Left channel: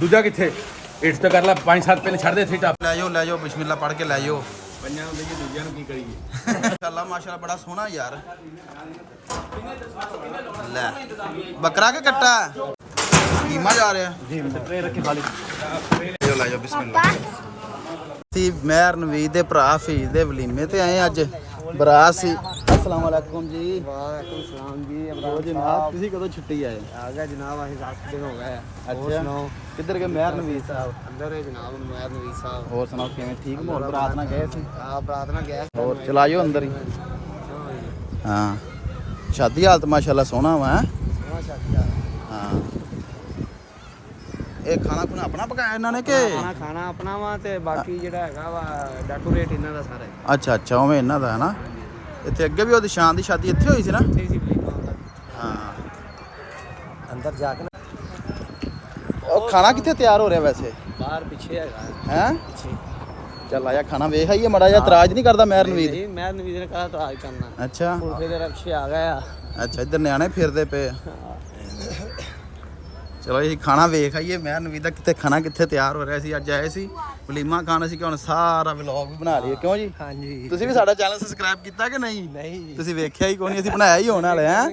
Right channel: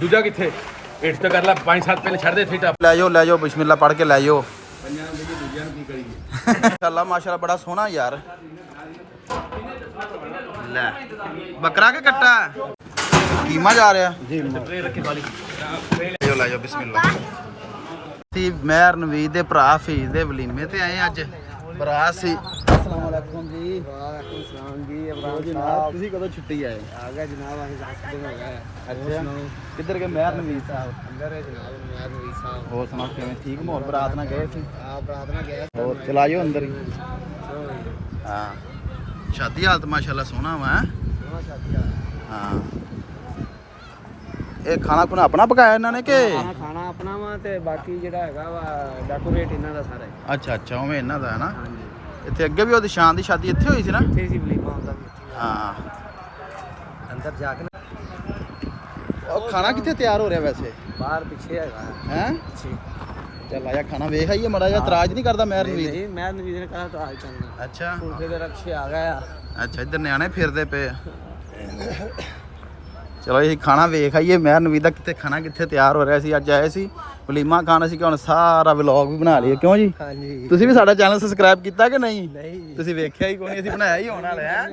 ਦੂਜਾ ਕਿੱਥੇ ਇਟਸ ਤਾਂ ਕਰ ਲੈ 5-7 ਪਿੰਨ ਛੱਡ ਦੇ ਇੱਥੇ ਟੱਪ ਲੈ ਜਾਓ ਬਿਸਮਿਲ੍ਲਾ ਪੜ੍ਹ ਕੇ ਲੈ ਜਾਓ। ਪੰਜਾਂ ਨੂੰ ਦਈਏ ਦੂਜਿਆਂ ਨੂੰ ਕੀ ਕਰੀਏ। ਮਾਸ਼ਾਅੱਲਾ ਮਾਸ਼ਾਅੱਲਾ ਬੜਾ ਸੋਹਣਾ ਯਾਰ। ਲੈ ਬੱਕਰਾ ਕੇ ਕੱਟਾ ਕੀਮਾ ਜਾ ਰਿਹਾ ਜੀ। ਲੈ ਜਾਓ ਬਿਸਮਿਲ੍ਲਾ। ਸੀ ਮਹਿਰ ਨਵੀਦ ਦੇ ਭਰਾ ਫੀਸ ਦੇ ਵਲੀਮੇ ਤੇ ਆਏ ਅੱਜ ਬਰਾਤ ਸੀ। अस्सलाम वालेकुम जी। वालेकुम सलाम जी। ਹੋਰ ਜਨਾਬ ਤੁਸੀਂ ਕਦੋਂ ਛੁੱਟੀ ਆਏ? आ गए जनाब, अहीं 7 दिन हो गए। ਅੱਛਾ ਕਿੱਧਰ ਗਏ ਮਹਿਰ ਨਵੀਦ ਸਾਹਿਬ? अंदर है जनाब मेहर नवीद साहब। ਹੋਰ ਸੁਣਾਓ ਕਿਵੇਂ ਠੀਕ ਮਾਹੌਲ? ਬਰਾਤ ਨਾਲ ਗਏ ਸੀ? आप प्रार्थना गए? ਹੋਰ ਚਲਾਇਓ ਅੰਦਰ ਹੀ। ਹਾਂ ਸ਼ਾਦੀ ਹਾਲਤ ਮਾਸ਼ਾਅੱਲਾ ਸੋਹਣਾ ਵਾ। ਹਾਂ ਇਹ ਖਾਣਾ ਖੁਣਾ ਆਪਣਾ ਪਕਾਇਆ ਇਹਨਾਂ ਨੇ ਕਿ? ਖਾਣਾ ਆਪਣਾ ਵਾ ਤੇ ਬਾਕੀ ਜਿਹੜਾ ਹੈਗਾ ਵਾ ਡੈਕੋਰੇਟ ਇਹਨਾਂ ਦਾ ਸਾਰਾ ਹੈ। ਅੱਛਾ ਉਵੇਂ ਇਹਨਾਂ ਦਾ ਹੈ ਨਾ। ਇੱਥੇ ਅੱਗੇ ਵੀ ਉਹਦੀ ਸ਼ਾਨ ਦੀ ਸ਼ਾਦੀ ਇੱਥੇ ਹੋਈ ਸੀ ਨਾ। ਹਾਂ ਅੰਦਰ ਜਾ ਕੇ ਉਹ ਖਾਣਾ ਕਿੱਥੇ ਤਿਆਰ ਹੋ ਰਿਹਾ ਵੈਸੇ? ਬਾਹਰ ਪਿੱਛੇ ਹੈਗਾ ਹੈ ਚੱਲ ਆਇਆ ਖਾਣਾ ਵੇਖ ਆਈਏ ਮੜਾ ਜਿਹਾ। ਇਤਰਾਜ਼ ਨਹੀਂ ਕਰਦਾ ਮਹਿਰ ਨਵੀਦ? ਨਹੀਂ ਮੇਹਰ ਨਵੀਦ ਨੇ ਕਹਾ ਤਾਂ ਆਜ ਕਰਨਾ। ਅੱਛਾ ਫਿਰ ਰਕਸ਼ੇ ਆ ਗਏ ਆ। ਅੱਛਾ ਇੱਧਰ ਨਿਆਣੇ ਫਿਰਦੇ ਪਏ ਆ। ਚਲੋ ਇਹ ਖਾਣਾ ਵੇਖ ਆਈਏ ਮਹਿਰ ਨਵੀਦ ਦਾ ਕਿੱਥੇ ਖਾਣਾ ਕਿੱਥੇ ਤਿਆਰ ਹੋ ਰਿਹਾ ਸੀ। ਅੱਜ ਆਏ ਸੀ ਵਲੀਮਾ ਖਾਣਾ ਸੀ ਕਿ ਹੁਣ ਸਾਰਾ ਵਲੌਗ ਵੀ ਬਣਾ ਲਈਏ ਕਿਉਂ ਜੀ? ਹਾਂਜੀ ਤੁਸੀਂ ਵੀ ਸਾਡਾ ਚੈਨਲ ਸਬਸਕ੍ਰਾਈਬ ਕੀਤਾ ਕਿ ਨਹੀਂ? ਨਹੀਂ ਤੁਸੀਂ ਵੇਖਿਆ ਹੀ ਕੋਈ ਨਹੀਂ, ਅਸੀਂ ਬਣਾਇਆ ਹੀ ਹੋਣ ਵਾਲੇ ਆ।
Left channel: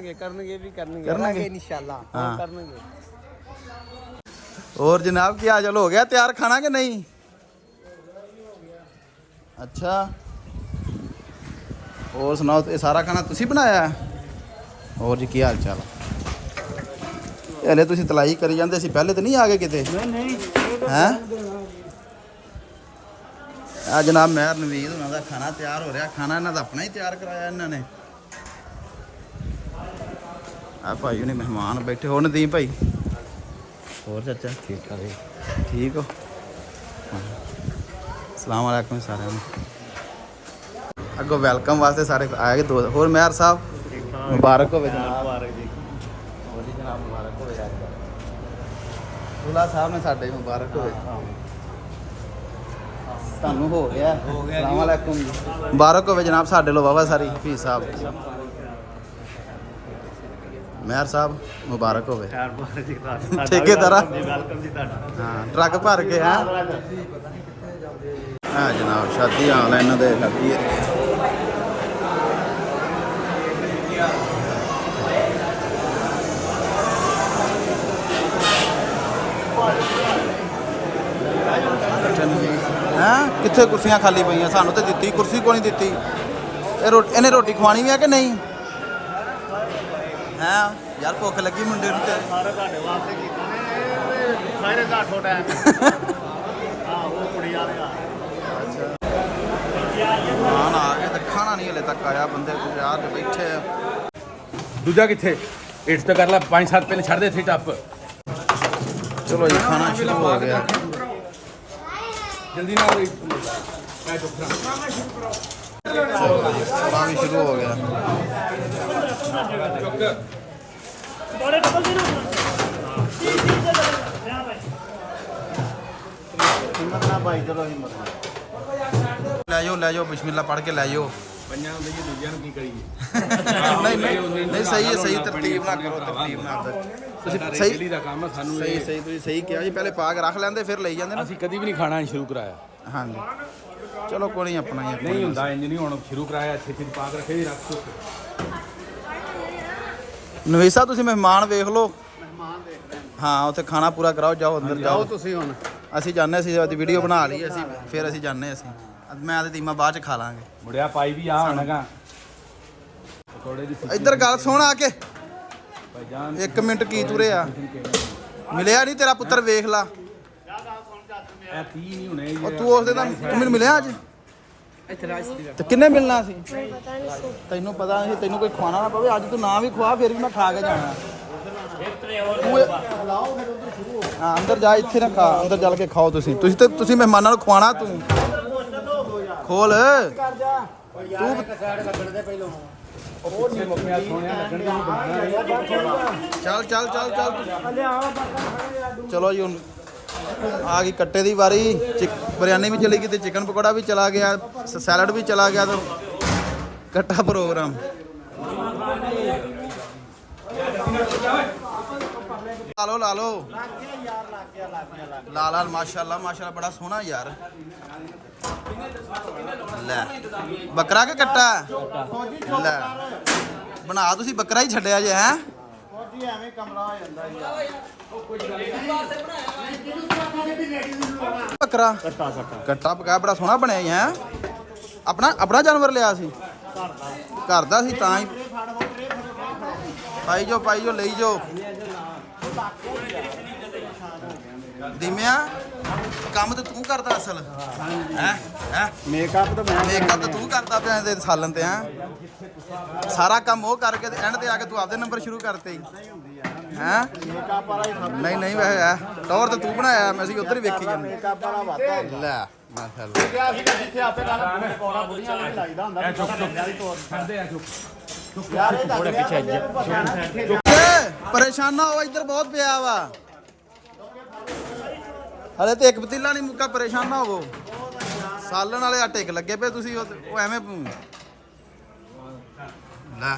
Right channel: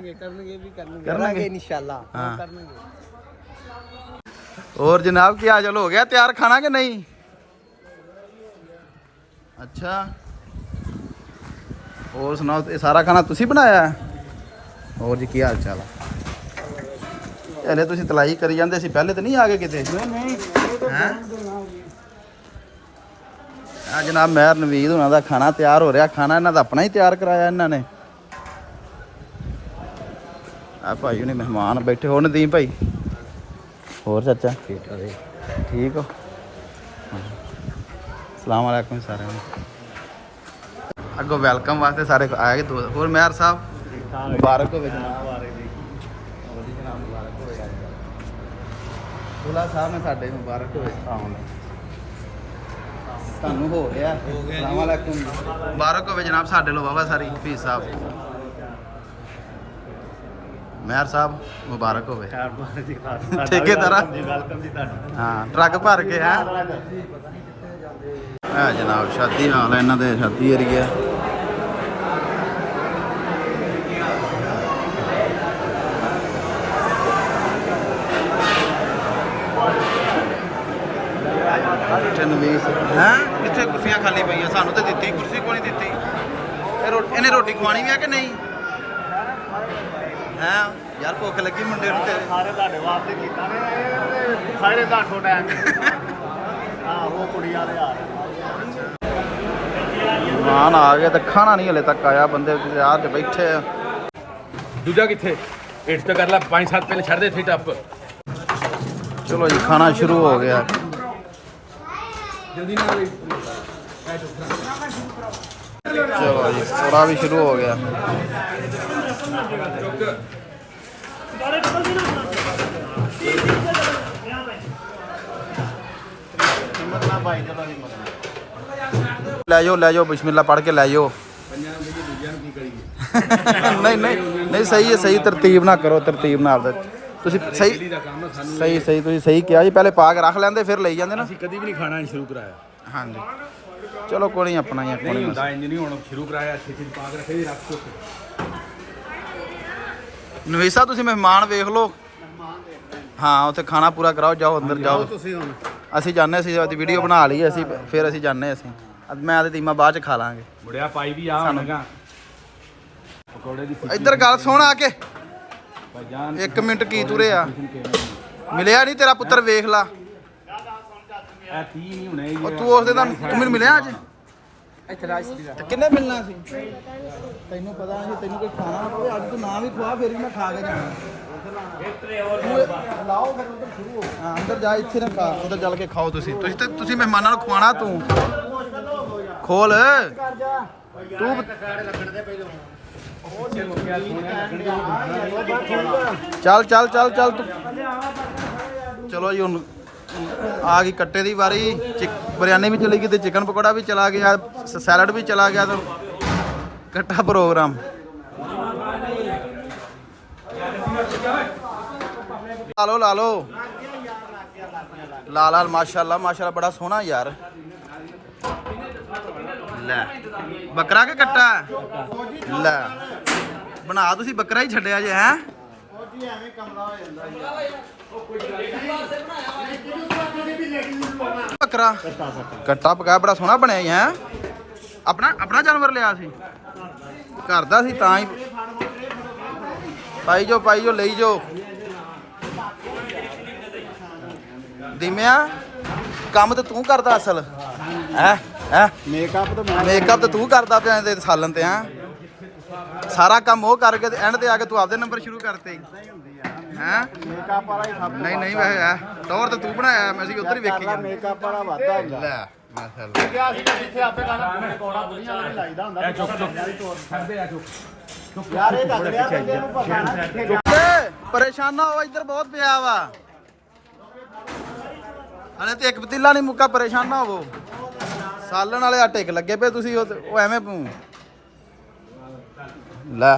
ਕਰਨਗੇ ਇਨਸ਼ਾਅੱਲਾ। ਹਾਂ ਹੋਰ ਜਨਾਬ ਕੀ ਹਾਲ ਹੋ ਗਿਆ? ਤਿਆਰ ਖਾਣਾ ਕਿ ਨਹੀਂ? ਅੱਛਾ ਹੋਰ ਸੁਣਾਓ ਇਹ ਸਾਰਾ ਖਾਣਾ ਤੁਸੀਂ ਬਣਾਇਆ? ਹੋਰ ਜੀ ਕੀ ਹਾਲ ਚਾਲ ਆ? ਇਹਨੇ ਤੁਸੀਂ ਤਲਾਈ ਕਰੀ ਜਾਂਦੇ ਸੀ ਪਹਿਲੇ ਤਾਂ ਨਹੀਂ ਆ ਗਏ ਕਿਤੇ? ਨਹੀਂ ਹੈਂ ਆ ਜਨਾਬ ਮਹਿਰ ਨਵੀਦ ਉਹਨਾਂ ਦਾ ਖਾਣਾ ਤਿਆਰ ਹੋ ਰਿਹਾ। ਖਾਣਾ ਇਹਨਾਂ ਦਾ ਆਪਣਾ ਹੀ ਤਿਆਰ ਕਰਾਇਆ ਇਹਨਾਂ ਨੇ। ਆ ਭਾਈ ਉਹਨੇ ਮਹਿਮਾਨ ਬੈਠੇ ਹੋ। ਨਦੀਮ ਭਾਈ ਹੋਰ ਚਾਚਾ ਠੀਕ ਹੈ ਠੀਕ ਹੋ? ਸਲਾਮ ਵਾਲੇਕੁਮ ਸਾਰਿਆਂ ਨੂੰ। ਅੱਗੋਂ ਵੈਲਕਮ ਵਾਸਤੇ ਸਾਰੇ ਆਏ ਦੋ। ਹੋਰ ਮਹਿਰ ਸਾਹਿਬ ਮੁਬਾਰਕ ਹੋਵੇ ਜਨਾਬ। ਆ ਰਹੇ ਜੀ ਹੋਰ ਜੀ ਜਨਾਬ ਮੁਬਾਰਕ ਹੋਵੇ। ਦੁਲਾ ਸਾਹਿਬ ਨੇ ਸਾਡੇ ਮੁਬਾਰਕ ਹੋਵੇ। ਤੁਹਾਨੂੰ ਹੋ ਗਿਆ? ਸਲਾਮ ਵਾਲੇਕੁਮ ਮੁਬਾਰਕ ਹੋਵੇ ਜਨਾਬ ਸਾਡੇ ਲੋ ਬਾਬਾ ਸਾਰੀ ਹਫੀਜ਼ ਸਾਹਿਬ। ਮਹਿਰ ਸਾਹਿਬ ਮੁਬਾਰਕ ਹੋਵੇ। ਠੇਕੇਦਾਰ ਜੀ ਵੈਲਕਮ ਜੀ ਤੁਹਾਡਾ। ਹਾਂ ਟਰੱਕ ਭਰ ਕੇ ਹੈ ਜਨਾਬ। ਸ਼ਾਦੀ ਹਾਲ ਹੈ ਇਹਨਾਂ ਦੇ, ਸ਼ਾਦੀ ਏਰੀਆ। ਹੈਂ ਕਿੱਥੇ ਕੁਰਸੀਆਂ ਖਾਲੀ ਪਈਆਂ? ਸਾਨੂੰ ਤਾਂ ਦਿੱਤੀ ਕੁਰਸੀ ਕੋਈ ਨਹੀਂ ਦਿੱਤੀ। ਇਹਨੇ ਰੋਟੀ ਖਵਾਣੀ ਵੀ ਹੈ ਕਿ ਨਹੀਂ? ਹੈਂ ਯਾਰ ਭੁੱਖ ਲੱਗੀ ਮੁੰਡੇ ਨੂੰ। ਸਾਰੇ ਤੁਹਾਡੇ ਵਾਸਤੇ ਕੀਤਾ ਨੇ ਸਾਰੇ ਤੁਹਾਡੇ ਟਾਈਮ। ਹਾਂ ਉਹ ਕੁੜੀ ਵਾਲੇ ਆ। ਮਾਨ ਆ ਗਿਆ ਤਾਂ ਖਾਣਾ ਨਹੀਂ ਹਲੇ ਤੱਕ ਆਇਆ। ਬੰਦੇ ਯਾਰ ਤੇ ਬੈਠੇ ਆ। ਦੂਜਾ ਕਿੱਥੇ ਇਟਸ ਤਾਂ ਕਰ ਲੈ 5-7 ਪਿੰਨ ਛੱਡ ਦੇ ਇੱਥੇ ਟੱਪ। ਚਲੋ ਜੀ ਖਾਣਾ ਸ਼ੁਰੂ ਹੋ ਗਿਆ। ਜਲਦੀ ਨਾਲ ਚਲੋ ਜੀ ਥੋੜਾ ਵੀ ਸ਼ੁਰੂ ਹੋ ਗਿਆ। ਲੈ ਜਾਓ ਬਿਸਮਿਲ੍ਲਾ ਪੜ੍ਹ ਕੇ ਲੈ ਜਾਓ। ਪੰਜਾਂ ਨੂੰ ਦਈਏ ਦੂਜਿਆਂ ਨੂੰ ਕੀ ਕਰੀਏ। ਨਹੀਂ ਸਹੀ ਹੈ। ਸਹੀ ਤਰਤੀਬ ਨਾਲ ਕਰੋ। ਤਰਤੀਬ ਨਾਲ ਤੁਸੀਂ ਸਹੀ ਦਾ ਕੰਮ ਆ ਸਾਨੂੰ। ਸਹੀ ਤੁਸੀਂ ਸਹੀ ਕਿਹਾ ਜੀ। ਪਹਿਲੇ ਪਾ ਕੇ ਰੱਖ ਲੈਂਦੇ ਫਿਰ ਲਈ ਜਾਂਦੇ ਨਾ। ਅਸੀਂ ਕਦੀ ਵੀ ਨਹੀਂ ਖਾਣਾ ਸ਼ੁਰੂ ਕਰਾਇਆ। ਹਾਂਜੀ ਚਲੋ ਕੋਈ ਨਹੀਂ ਆਪਣਾ ਹੀ ਨਹੀਂ ਹੁੰਦਾ ਇੰਜ ਨਹੀਂ। ਹੁਣ ਸ਼ੁਰੂ ਕਰਾਇਆ ਛੇਤੀ ਪਾ ਕੇ ਰੱਖੇ ਦੀ ਰੱਖ ਦੋ। ਨਵੀਦ ਸਾਹਿਬ ਤੁਸੀਂ ਮਹਿਮਾਨ ਵੇਖ ਲਓ। ਹਾਂ ਉੱਥੇ ਖਾਣਾ ਪੂਰਾ ਕਰਾਓ। ਜਾਓ ਅੰਦਰ ਜਾਓ। ਤੁਸੀਂ ਹੁਣ ਅਸੀਂ ਜਾਂਦੇ ਸੀ ਉਹਦੀ ਵੀਡੀਓ ਬਣਾ ਲਈ ਅਸੀਂ। ਫਿਰ ਅਸੀਂ ਜਾਂਦੇ ਅਸੀਂ ਮੈਂ ਤੇ ਦੀਮਾ ਬਾਅਦ ਚ ਖਾ ਲਾਂਗੇ। ਮੁੜਿਆ ਪਾਈ ਵੀ ਆ ਹੋਣਾਗਾ ਪਕੌੜੇ ਦੀ। ਇੱਧਰ ਗੱਲ ਸੁਣ ਆ ਕੇ। ਭਾਈਜਾਨ 1 ਮਿੰਟ ਕੀ ਤੁਰੇ ਆ? ਮਿਲਿਆ ਨਹੀਂ ਤੇਰਾ ਪੁੱਤਰ ਵੇਖ ਲਾ। ਇਹ 30 ਨਹੀਂ ਹੋਣੇ। ਉਹ ਤੂੰ ਉਸ ਦਿਨ ਤੂੰ ਮੈਨੂੰ ਮਿਲਿਆ ਅੱਜ? ਇੱਥੇ ਰਾਜ ਦੀ ਤੇ ਕਿੰਨੇ ਮਿਲਣਾ ਸੀ? ਤੈਨੂੰ ਪਤਾ ਨਹੀਂ ਤੈਨੂੰ ਕੋਈ ਖਵਾਣਾ ਨਾ ਪਵੇ। ਅੱਜ ਤੂੰ ਨਾ ਵੀ ਖਵਾ ਫਿਰ ਵੀ ਮੈਂ ਖਾ ਕੇ ਜਾਣਾ। ਲਾਓ ਫਿਰ ਉਧਰ ਸ਼ੁਰੂ ਹੋ। ਹਾਂ ਅੰਦਰ ਜਾ ਇੱਥੇ ਨਾ ਖਾ। ਅੰਦਰ ਚੱਲ ਕੇ ਖਾਓ ਤੁਸੀਂ। ਤੁਸੀਂ ਮਹਿਮਾਨਾਂ ਨੂੰ ਖਵਾਣਾ। ਤੂੰ ਖੋਲ ਤੂੰ ਚੱਲ ਚਲੋ ਜੀ ਹੁਣ ਆ ਗਈ ਕੱਟੇ ਦੀ ਵਾਰੀ। ਬਿਰਿਆਨੀ ਵੀ ਚਲੀ ਗਈ ਤੇ ਚਿਕਨ ਪਕੌੜਾ ਵੀ ਚਲਾ ਗਿਆ, ਸੈਲਡ ਵੀ ਚਲਾ ਗਿਆ ਤੇ ਕੱਟਾ ਪ੍ਰੋਗਰਾਮ। ਲਾ ਲਓ ਲਾਲ ਲਾਲ ਮਾਸ਼ਾਅੱਲਾ ਮਾਸ਼ਾਅੱਲਾ ਬੜਾ ਸੋਹਣਾ ਯਾਰ। ਲੈ ਬੱਕਰਾ ਕਿ ਕੱਟਾ? ਲੈ ਬਣਾ ਤੁਸੀਂ ਬੱਕਰਾ ਹੀ ਛੱਡਿਆ ਜੇ ਹੈ। ਫੌਜੀ ਐਵੇਂ ਕਮਲਾ ਹੋ ਜਾਂਦਾ ਬੱਕਰਾ ਕੱਟਾ ਪਕਾ ਬੜਾ ਸੋਹਣਾ ਬਣਿਆ ਹੀ ਹੈ। ਆਪਣਾ ਜਾਨਵਰ ਲਿਆ ਸੀ ਘਰ ਦਾ ਸੀ ਤਾਂ ਹੀ ਪਾਈ ਜੋ ਲਈ ਜੋ। ਦਿਮਿਆ ਕੰਮ ਤੇ ਤੂੰ ਕਰਦਾ ਅਸਲ ਹੈ ਮੇਕਅਪ ਤਾਂ ਮੈਂ ਮੇਕਅਪ ਤੇ ਤੂੰ ਕਰਦਾ ਪਿਆ ਤੇ ਸਾਲਨ ਤੇ ਹੈ। ਸਾਰਾ ਕੰਮ ਉਹ ਕਰਕੇ ਤੇ ਐਂਡ ਤੇ ਆ ਕੇ ਤੂੰ ਆਪਦੇ ਨੰਬਰ ਸ਼ੁਰੂ ਕਰਤੇ ਹੈ। ਮੇਕਅਪ ਵਾਲਾ ਹੀ ਸਭ ਨਹੀਂ ਵੈਸੇ ਹੈ ਟੌਰ ਤੇ ਤੂੰ ਬਣਾਇਆ ਮੈਂ ਅਸੀਂ ਉੱਧਰ ਹੀ ਵੇਖੀ ਜਾਂਦੇ। ਮੇਕਅਪ ਵਾਲਾ ਵਾਦਾ ਲੈ ਮਾਸ਼ਾਅੱਲਾ ਇੱਥੇ ਆਪੇ ਨਾਲ ਕੋਣਾ ਬੁੜੀਆਂ ਵਾਲਾ ਲਾਈਦਾ ਹੁੰਦਾ ਛੱਡਦੇ ਆ ਚੁੱਪ ਪਰੇਸ਼ਾਨਾ ਹੋ ਇੱਧਰ ਬਹੁਤ ਪਿਆ ਵਾ। ਹਲੇ ਤੇ ਇੱਕ ਪਤੀਲਾ ਨਹੀਂ ਮੁੱਕਾ ਪਰੇਸ਼ਾਨਾ ਹੋਵੋ। ਸਾਲਣ ਵਾਲੇ ਆ ਟਿਕ ਲੱਗੇ ਪਏ ਤੁਸੀਂ ਉਹ ਐਵੇਂ ਲੈ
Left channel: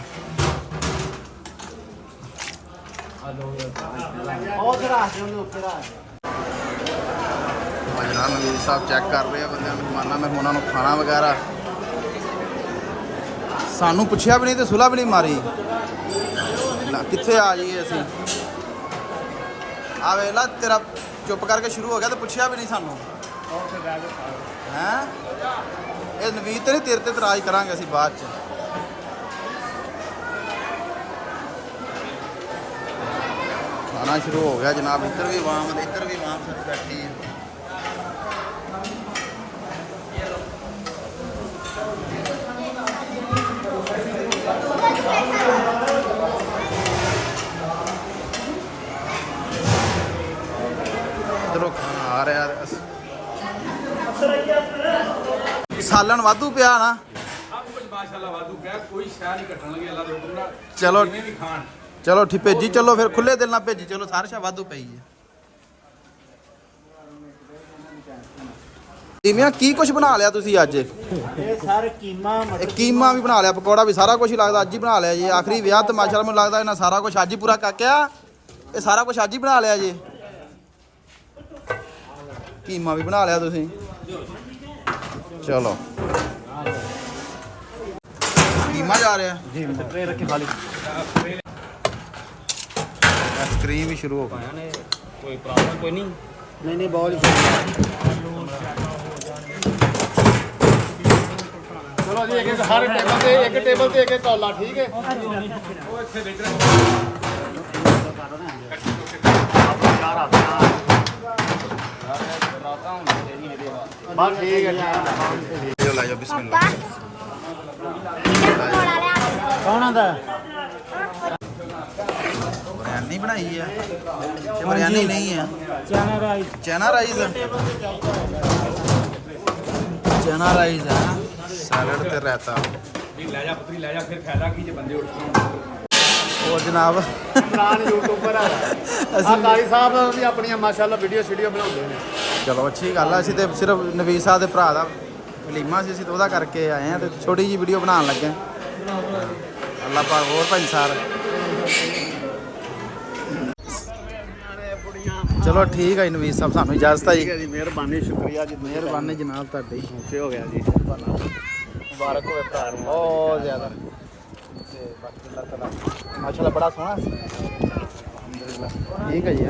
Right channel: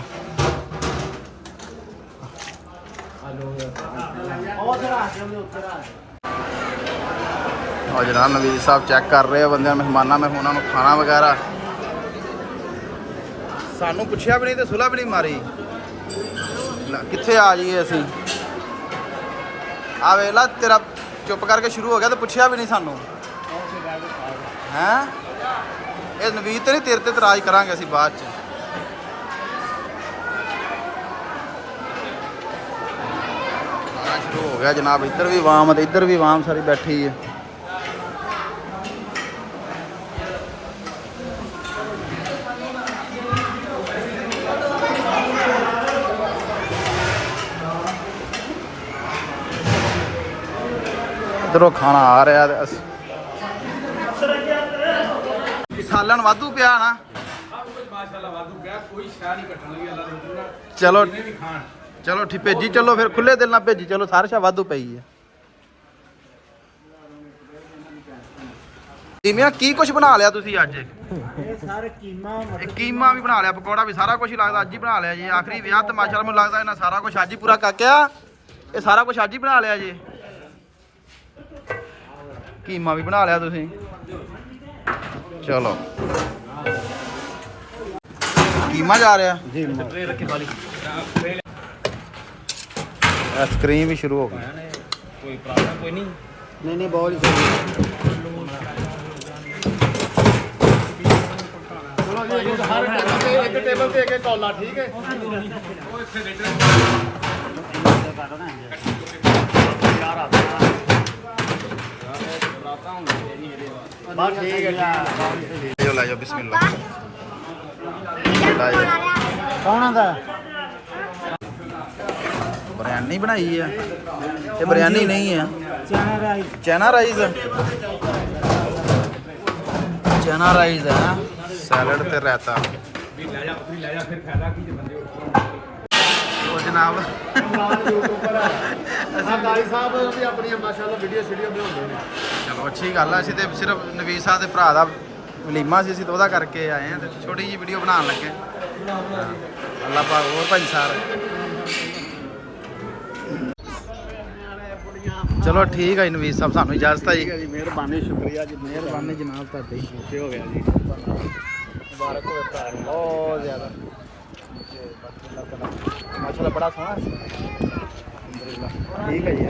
ਉਹ ਜਨਾਬ ਨਵੀਦ ਸਾਹਿਬ ਚੈੱਕ ਕਰ ਰਹੇ ਆ ਬੰਦਿਆਂ ਮਹਿਮਾਨਾਂ ਮਹਿਮਾਨਾਂ ਨੂੰ ਖਾਣਾ ਵਗੈਰਾ। ਸਾਨੂੰ ਪੁੱਛਿਆ ਵੀ ਨਹੀਂ ਤੇ ਸੁਲਾ ਵੀ ਨਹੀਂ ਮਾਰੀ ਨਾ ਕਿੱਥੇ ਆ ਜਾਈਏ ਅਸੀਂ। ਆ ਵੇਲਾ ਤੇਰਾ ਚੁੱਪ ਕਰਕੇ ਸ਼ੁਰੂ ਹੋ ਗਿਆ ਤੇ ਪੁੱਛਿਆ ਵੀ ਨਹੀਂ ਸਾਨੂੰ ਹੈ। ਇਹ ਨਵੀਦ ਤੇ ਨਹੀਂ ਤੇਰੇ ਤੇ ਇਤਰਾਜ਼ ਕਰਾਂਗੇ ਅਸੀਂ ਬਾਅਦ ਚ। ਖਾਣਾ ਸ਼ੁਰੂ ਹੋ ਗਿਆ ਜਨਾਬ। ਇੱਧਰ ਵੀ ਆਵਾਮ ਤੇ ਇੱਧਰ ਵੀ ਆਵਾਮ ਸਾਰੀ ਬੈਠੀ ਹੈ। ਇੱਧਰੋਂ ਖਾਣਾ ਆ ਰਿਹਾ ਤੇ ਸਾਲਣ ਵਾਧੂ ਪਿਆ ਨਾ। ਸਭ ਕੁਝ ਮਾਸ਼ਾਅੱਲਾ ਵਾਧੂ ਪਿਆ, ਕੋਈ ਸ਼ੈ ਨਹੀਂ ਕੱਟਣ ਲੱਗੀ ਅੱਲਾ ਦੇ ਹੁਕਮ ਨਾਲ। ਚਲੋ ਜਿਵੇਂ ਵੀ ਖਾਣ ਚਲੋ ਠੀਕ ਭੇਜੀ ਚਲੋ ਫਿਰ ਖੁੱਲੇ ਦਿਲ ਨਾਲ ਭੇਜੀ ਚਲੋ। ਸਾਰਾ ਸ਼ਾ ਵਾਧੂ ਪਈ ਹੈ। ਦੀਮਿਆ ਕੀ ਕੁਝ ਬਣਾ ਲਿਆ ਤੁਸੀਂ ਅੱਜ? ਇਹ ਸਾਰੇ ਕੀਮਾ ਵੀ ਬਣਾ ਲਿਆ ਪਕੌੜਾ ਵੀ ਸਾਰਾ ਕੁਝ ਹੀ ਲੱਗਦਾ ਅੱਜ ਹੀ ਬਣਾ ਲਿਆ ਜੀ। ਆਖਰੀ ਵਿਆਹ ਤੇ ਮਾਸ਼ਾਅੱਲਾ ਮੈਨੂੰ ਲੱਗਦਾ ਇਹਨਾਂ ਸਾਰਾ ਕੁਝ ਅੱਜ ਹੀ ਪੂਰਾ ਕਾਕਿਆ। ਇਹ ਸਾਰਾ ਕੁਝ ਅੱਜ ਹੀ ਬਣਾ ਲਿਆ ਜੀ। ਕੀਮਾ ਵੀ ਬਣਾ ਲਿਆ ਤੁਸੀਂ। ਚਲੋ ਕੀਮਾ ਜਾ ਰਿਹਾ ਜੀ ਸਪਰੇ ਰੱਖੀ ਵਾਲੀ ਆਈਸਕ੍ਰੀਮ ਵੀ ਸ਼ੁਰੂ ਹੋ ਗਈ। ਕੋਈ ਪ੍ਰੋਬਲਮ ਕੋਈ ਨਹੀਂ। ਨਹੀਂ ਬਹੁਤ ਹੀ ਚਲੋ ਜੀ ਇੱਕ ਹਰ ਟੇਬਲ ਤੇ ਇੱਕ ਕੌਲਾ ਠੀਕ ਹੈ। ਉਹ ਇੱਥੇ ਵੇਚਣਾ ਹਾਂ ਠੀਕ ਹੈ। ਲੈ ਜਾਓ ਬਿਸਮਿਲ੍ਲਾ ਲੈ ਜਾਓ। ਕੌਣ ਦਾ ਬਿਰਿਆਨੀ ਬਣਾਈ ਆ। ਇਹ ਬਿਰਿਆਨੀ ਨਹੀਂ ਆ ਚੈਨਾ ਰਾਈਸ ਹੈ। ਸੈਲਡ ਤੇ ਰਾਇਤਾ। ਜੀ ਲੈ ਜਾ ਪੁੱਤਰੀ ਲੈ ਜਾ, ਫਿਰ ਫਾਇਦਾ ਕੀ ਜੇ ਬੰਦੇ ਉੱਠ ਕੇ। ਉਹ ਜਨਾਬ ਇਮਰਾਨ ਯੂਟਿਊਬਰ ਅਸੀਂ ਕਾਈ ਸਾਹਿਬ ਵੀ ਆਪਣੀਆਂ ਮਾਸ਼ਾਅੱਲਾ ਵੀਡੀਓ ਬਣਾਉਂਦੇ ਨੇ। ਚਲੋ ਅੱਛੀ ਗੱਲ ਆ। ਅਸੀਂ ਤੇ ਸਿਰਫ ਨਵੀਦ ਸਾਹਿਬ ਦੇ ਭਰਾ ਦਾ ਵਲੀਮਾ ਸੀ, ਅਸੀਂ ਤਾਂ ਉਹਦਾ ਕਰਕੇ ਆਏ ਆ ਤੇ ਛੋਟੀ ਜਿਹੀ ਵੀਡੀਓ ਬਣਾਉਣ ਲੱਗੇ। ਅੱਲਾਹ ਪਾਕ ਹੋਰ ਭਾਈਸਾਰ। ਚਲੋ ਠੀਕ ਹੈ ਜੀ ਨਵੀਦ ਸਾਹਿਬ ਸਾਨੂੰ ਇਜਾਜ਼ਤ ਹੈ ਠੀਕ ਹੈ ਜੀ ਮਿਹਰਬਾਨੀ ਸ਼ੁਕਰੀਆ ਜੀ ਮਿਹਰਬਾਨੀ ਜਨਾਬ ਤੁਹਾਡੀ। ਓਕੇ ਹੋ ਗਿਆ ਜੀ ਮੁਬਾਰਕ ਹੋਵੇ ਭਰਾ ਨੂੰ ਬਹੁਤ ਜ਼ਿਆਦਾ ਤੇ ਬਾਕੀ ਅੱਲਾਹ ਤਾਲਾ ਮਾਸ਼ਾਅੱਲਾ ਬੜਾ ਸੋਹਣਾ ਸੀ। ਅਲਹਮਦੁਲਿਲਾ ਠੀਕ ਹੈ ਜੀ।